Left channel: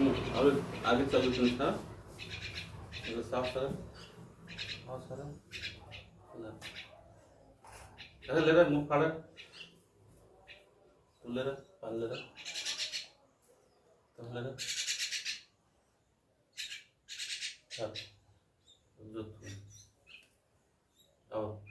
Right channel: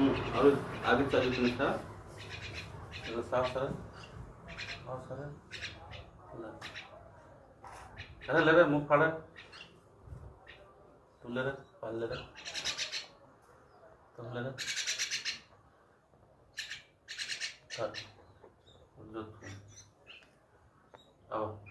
और आगे चलिए प्लीज सर, साफ सर और सर अरे ले रहे मुंह फाड़ा तू ले रहे पाल ले रहे तुम ले रहे सर जो अब